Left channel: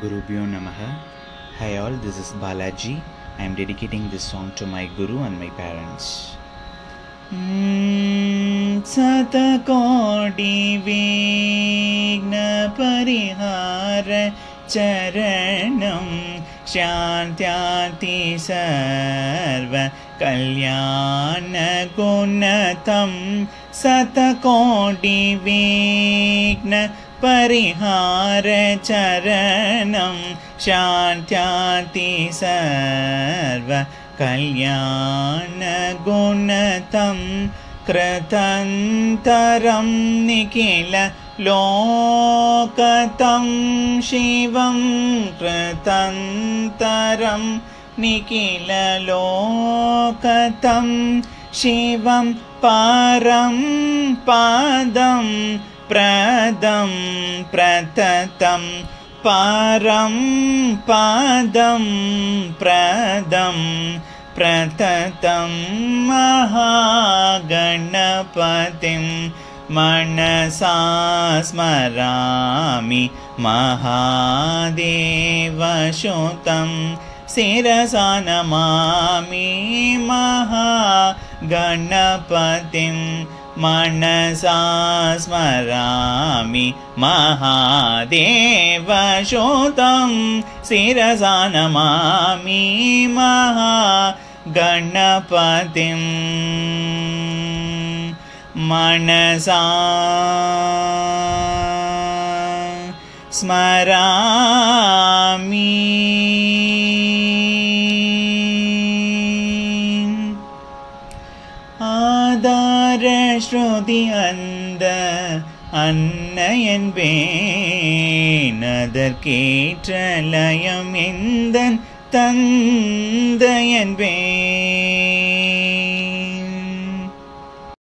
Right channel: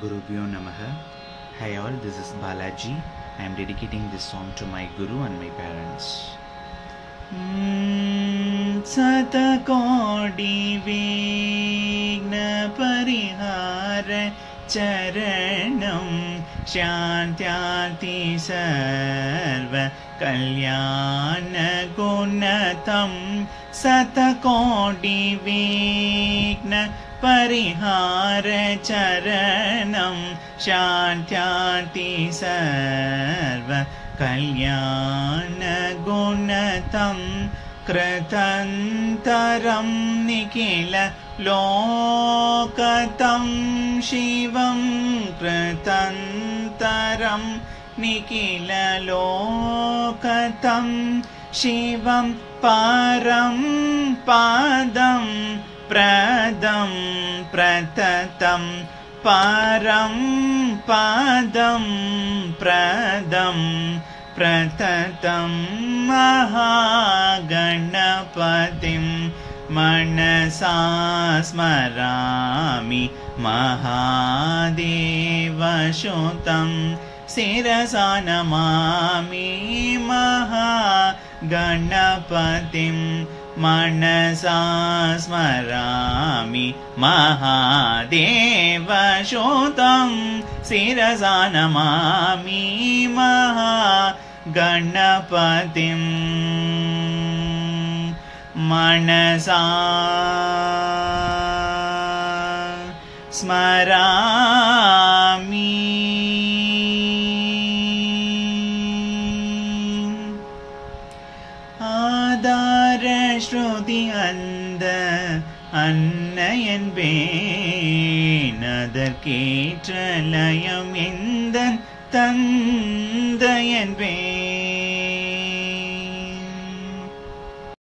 Gurubhyo Namaha. Hi all, this is Balaji. I am dedicating this song to my Guru and my parents. Satakodi Vigna Parihara Charanam Shantyati Sarva Kalyana Gunatam Satakodi Vigna Parihara Charanam Shantyati Sarva Kalyana Gunatam Kratantaram Nikila Lokatam Shivam Kratantaram Nikila Lokatam Shivam Param Padam Pradam Pratatam Param Padam Pradam Pratatam Mahaganapatim Manasa Smarami Mahadeva Shotam Sirasa Namami Mahaganapatim Manasa Smarami Mahadeva Shotam Sirasa Namami Mahaganapatim Manasa Smarami Adara Shruti Anda Annayan Ben Adarketra Layam Indan Tandayan Ben